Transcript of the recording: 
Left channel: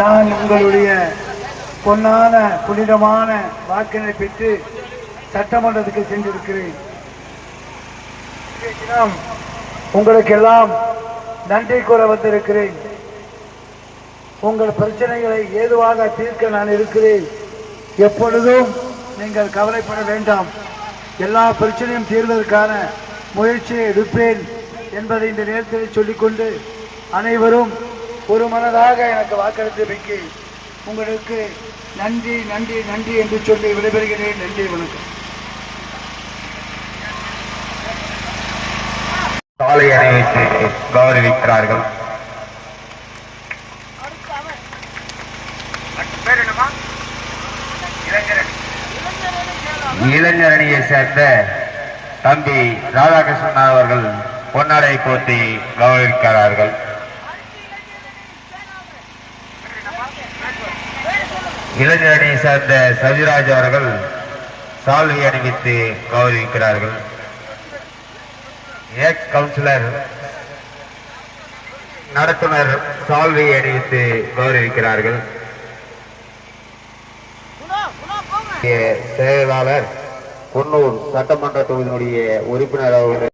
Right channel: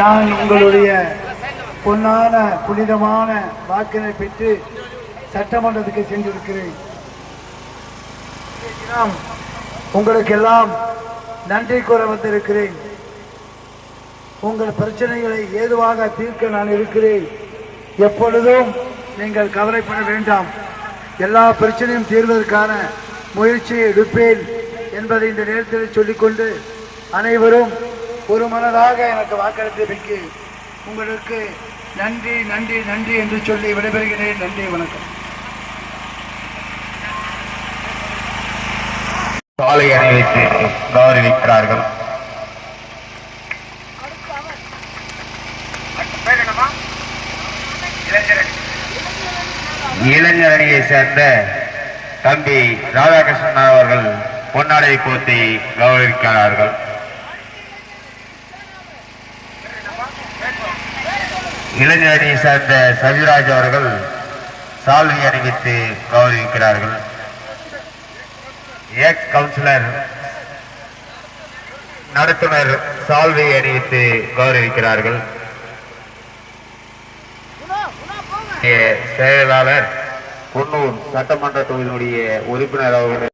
நான் உங்களுடைய பொன்னான புனிதமான வாக்கினை பெற்று சட்டமன்றத்துக்கு சென்றிருக்கிறேன். உங்களுக்கெல்லாம் நன்றி கூற வந்திருக்கிறேன். உங்கள் பிரச்சனைகளை ஏதுவாக தீர்க்க நான் இருக்கிறேன். எப்பொழுதும் நீங்கள் கவலைப்பட வேண்டாம். எல்லா பிரச்சனையும் தீர்வதற்கான முயற்சியை எடுப்பேன் என்பதை இந்த நேரத்தில் சொல்லிக்கொண்டு அனைவரும் ஒரு மனதாக எனக்கு வாக்களித்தமைக்கு உங்களுக்கு நன்றி நன்றி நன்றி என்று சொல்லி விடைபெறுகிறேன். நன்றி, வணக்கம். சாலை அணிவித்து கௌரவிக்கிறார்கள். இளைஞர் அணியை சேர்ந்த தம்பி ராதாகிருஷ்ணன் அவர்கள் பொன்னாடை போட்டி கௌரவிக்கிறார்கள். இளைஞர் அணியை சேர்ந்த சஜிராஜ் அவர்கள் சால்வை அணிவித்து கௌரவிக்கிறார்கள். எக்ஸ் கவுன்சிலர் நடத்துனர் சால்வை அணிவித்து கௌரவிக்கிறார்கள். செயலாளர் குன்னூர் சட்டமன்ற தொகுதியினுடைய உறுப்பினர் அவர்கள்